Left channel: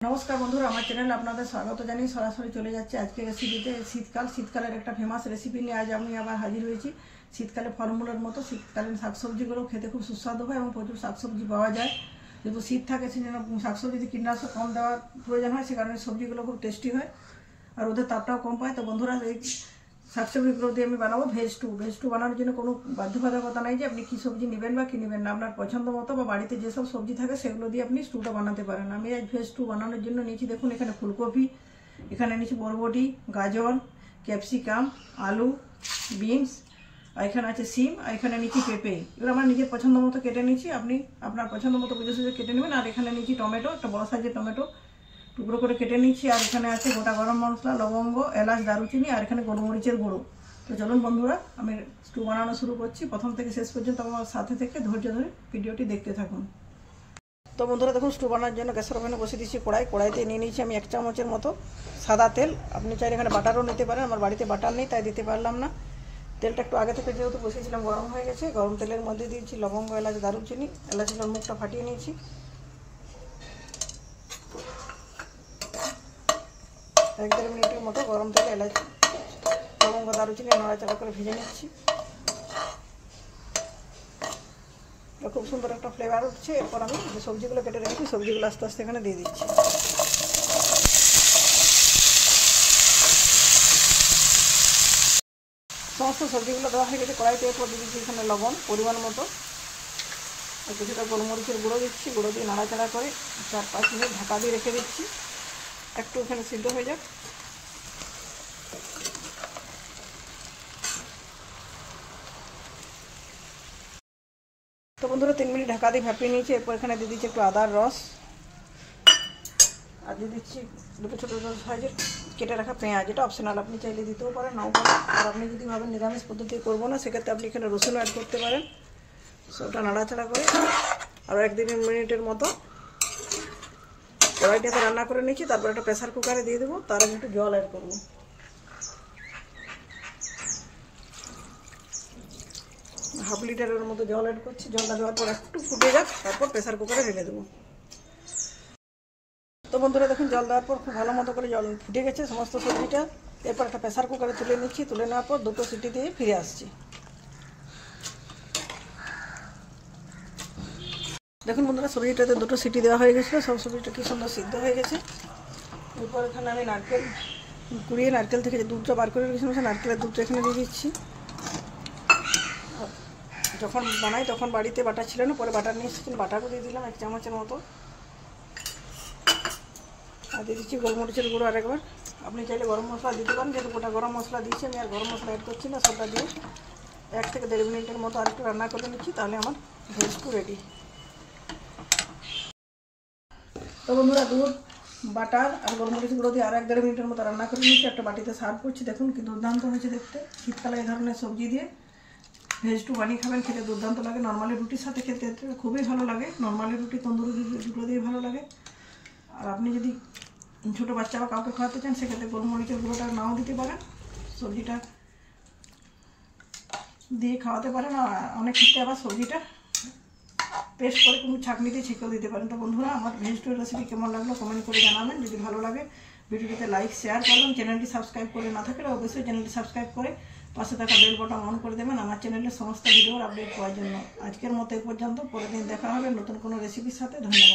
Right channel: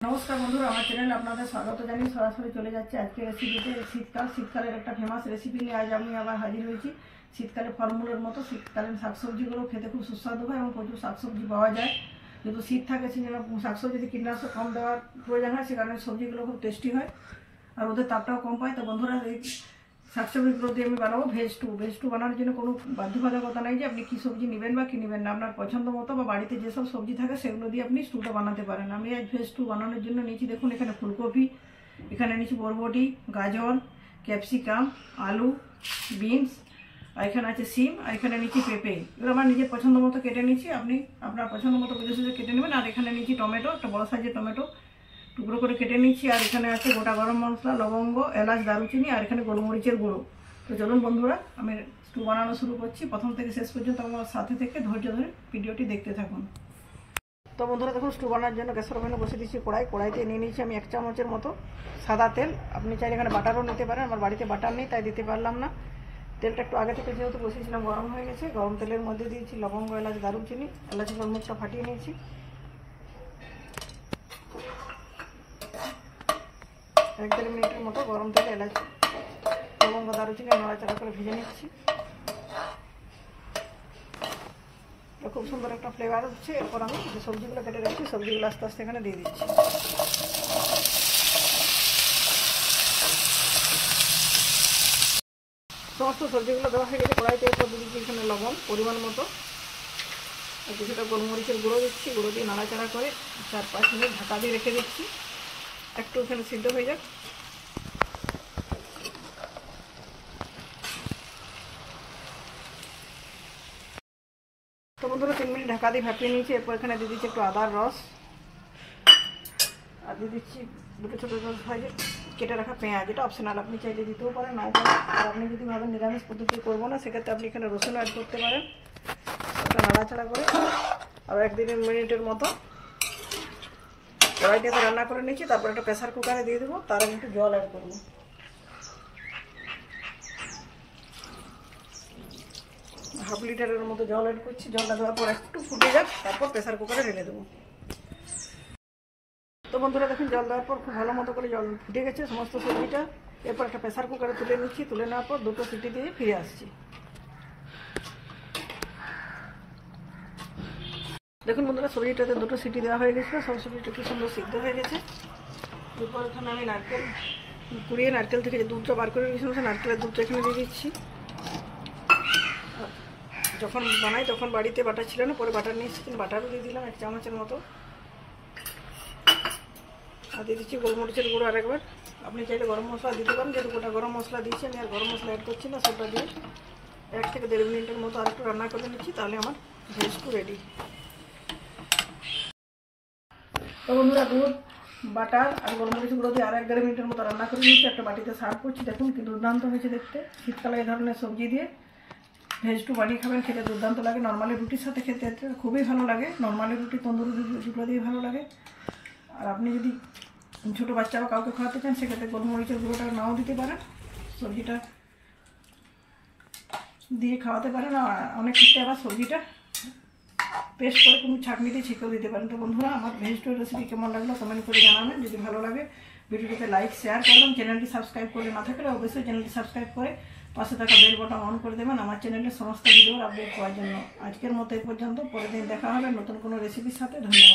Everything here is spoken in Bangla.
नमस्कार बंधुरा আমার চ্যানেলে আপনাদের স্বাগত জানিয়ে সরাসরি চলে যাচ্ছে আজকে রেসিপিতে। শীতকালের একটা ফেমাস রেসিপি নিয়ে আজ আমি আবার হাজির হয়েছি। শীতকালে ফলমূলের মতো শীতকালীন শাকসবজিগুলো খেতে খুব সুস্বাদু হয় এবং প্রচুর শাকসবজি পাওয়া যায়। যেহেতু শীত থাকে সেজন্য শাকসবজিতে কীটনাশক কম দেওয়ার প্রয়োজন হয়, সে কারণে সবজিগুলো খুব টেস্টি হয় আর ওদের তাপটাও কম পায়। তো বন্ধুরা এই শাকসবজিগুলো দিয়ে আমি বানাবো ভেজ টু বানানোর জন্য কোনো বাধ্যবাধকতা নাই যে আপনি কী সবজি নেবেন বা কী নেবেন না। আপনার পছন্দ মতো বা বাড়িতে যেসব সবজি থাকে সেগুলো দিয়ে আপনি স্টুটা বানাতে পারেন। আমি আজ ভেজ টু বানানোর জন্য নিয়েছি, দেখুন এখানে ফুলকপি, এখানে নিয়েছি বরবটি, গাজর, ক্যাপসিকাম, আলু, বিনস, আর এখানে আছে সিম, আর এখানে নিয়েছি পেঁপে। এগুলো আমার নিজের পছন্দ মতো কেটে নিয়েছি, আপনি আপনার পছন্দ মতো বুঝে সুঝে কেটে নেবেন। আর এখানে নিয়েছি টমেটো, একটা বড় সাইজের টমেটো টুকরো করে কেটে নিচ্ছি। আর এখানে আছে গোটা গরম মশলা, লবঙ্গ, এলাচ, দারুচিনি, আর এখানে গোলমরিচের গুঁড়ো। তো চলুন বন্ধুরা আমি স্টু বানানো শুরু করছি। প্রথম থেকে শেষ পর্যন্ত আমার সাথে থেকে ধৈর্য ধরে ভিডিওটি দেখতে থাকুন। তো বন্ধুরা দেখুন স্টু বানানোর জন্য গ্যাসের ওভেনে বসে দিচ্ছি কড়াইতে নিয়ে নিয়েছি আমি 1 চামচের মতো সাদা তেল। আপনি চাইলে এখানে বাটারও নিতে পারেন, আমার বাড়িতে বাটার নেই তাই দিতে পারলাম না। তেলটা একটু আগে থেকে যেহেতু বসিয়েছিলাম গরম হয়ে গেছে। গরম তেলের মধ্যে দিয়েছি লবঙ্গ, এলাচ, দারুচিনি। এলাচের মুখটা ফাটিয়ে নিয়েছি। 1-1.5 মিনিটের মতো গরম তেলে এলাচ, লবঙ্গ, দারুচিনি নাড়াচাড়া করে ভেজে নিচ্ছি। খুব সুন্দর একটা ফ্লেভার হচ্ছে। এরপর আমি যে সবজিগুলো কেটে রেখেছি সবজিগুলো আস্তে আস্তে এখানে দিয়ে দিচ্ছি। সমস্ত সবজিগুলো দেওয়া হয়ে গেছে কড়াইতে। এরপর দিয়ে দিচ্ছি এখানে লবণ পরিমাণ মতো, কিছুটা গোলমরিচের গুঁড়ো দিচ্ছি। গুঁড়ো দিয়ে নাড়াচাড়া করে 4-5 মিনিট ঢাকা দিয়ে রেখে দিচ্ছি, একটু ওখানে সিদ্ধ হয়ে যাক। তো বন্ধুরা 3 মিনিট ঢাকা দিয়ে ভাপিয়ে নিয়েছি। এরপর এখানে দিয়ে দিচ্ছি একটু আদার রস, আর দিয়ে দিচ্ছি দুটো ছোটো ছোটো সাইজের কেটে রাখা পেঁয়াজ। এটা অপশনাল, আপনি চাইলে দিতেও পারেন নাও পারেন। আর আপনি যদি ভাবেন নিরামিষ পদ্ধতি করবো না সেক্ষেত্রে আপনি এখানে রসুন অ্যাড করতে পারেন। সেটা নাড়াচাড়া করে আর 1-2 মিনিটের মতো কড়াইটাতে রান্না করে নিচ্ছি। তারপর একটা প্রেসার কুকারে দিয়ে দেবো, তার আগে একটু জল অ্যাড করবো। হাফ লিটারের মতো জল অ্যাড করছি। জলটা দেওয়ার পর একটু ফুটে যাক, তারপর প্রেসার কুকারে ঢেলে দেবো। তো বন্ধুরা দেখুন জল দেওয়ার পর খুব ভালো মতো করে জল ফুটে গেছে সমস্ত সবজিটা। এরপর একটা প্রেসার কুকারে তুলে নিচ্ছি। তুলে নেওয়ার পর 2টো সিটি দিয়ে ফিরে আসছি। দেখুন বন্ধুরা সবজিটাতে 2টো সিটি দেওয়া হয়ে গেছিলো, সব সবজিটা কি সুন্দর সিদ্ধ হয়ে গেছে। এরপর এখানে আমি নারকেল কুড়িয়ে নারকেল থেকে যে দুধটা বার করে রেখেছিলাম সে নারকেলের দুধটা এখানে দিয়ে দিচ্ছি। যখন বানাই তখন বাড়িতে বাটার ছিল না, পরে বাটার নিয়ে এসেছি, বাটারও দিয়ে দিলাম 1 চামচের মতো। আর দিয়ে দিচ্ছি গোলমরিচের গুঁড়ো আরেকবার। আপনি চাইলে গরম মশলা দিতে পারেন, যেহেতু গোটা গরম মশলা দিচ্ছি আমি আর গরম মশলা অ্যাড করছি না। সেটা দিয়ে 1 থেকে 1.5 মিনিটের মতো আরেকটু রান্না করে নিচ্ছি, তাহলে আমার ভেজ টু রেডি। তো বন্ধুরা দুধ, বাটার আর গোলমরিচ গুঁড়ো দিয়ে আর 1-1.5 মিনিটের মতো রান্না করে নিচ্ছি। একটা বাটিতে সার্ভ করছি। দেখুন কি দুর্দান্ত হয়েছে দেখতে। শীতকালে এই ধরনের সবজি দিয়ে ভেজ টু বানিয়ে খাবেন, খেতে দুর্দান্ত লাগে। নর্মালি রুটির সাথে খেতে খুবই ভালো লাগে। নর্মালি রুটি, তন্দুরি দুটো দিয়ে ভালো লাগে। আর আপনি যদি ছোটো বাচ্চা বা কাউকে খাওয়াতে চান সেক্ষেত্রে গোলমরিচের গুঁড়োটা নাও দিতে পারেন, সবজিটা দিয়ে খাওয়াতে পারেন। আর অনেক ক্ষেত্রে আবার সবজিটা পেস্ট করে কোনো ছাঁকনিতে ছেঁকেও দিতে পারেন। তো বন্ধুরা আমার ভেজ টু রেসিপি কেমন লাগলো কমেন্ট করে জানাবেন। যদি ভালো লাগে ভিডিওটিতে লাইক শেয়ার করবেন। চ্যানেলটি সাবস্ক্রাইব করে না থাকলে অবশ্যই চ্যানেলটি সাবস্ক্রাইব করে পাশে থাকা বেল বাটন অন করে দেবেন আমার চ্যানেলের সমস্ত ভিডিওর আপডেট পাওয়ার জন্য। আজকের মতো এই পর্যন্ত, পরের দিন দেখা হবে নতুন কোনো রেসিপির সাথে। ধন্যবাদ।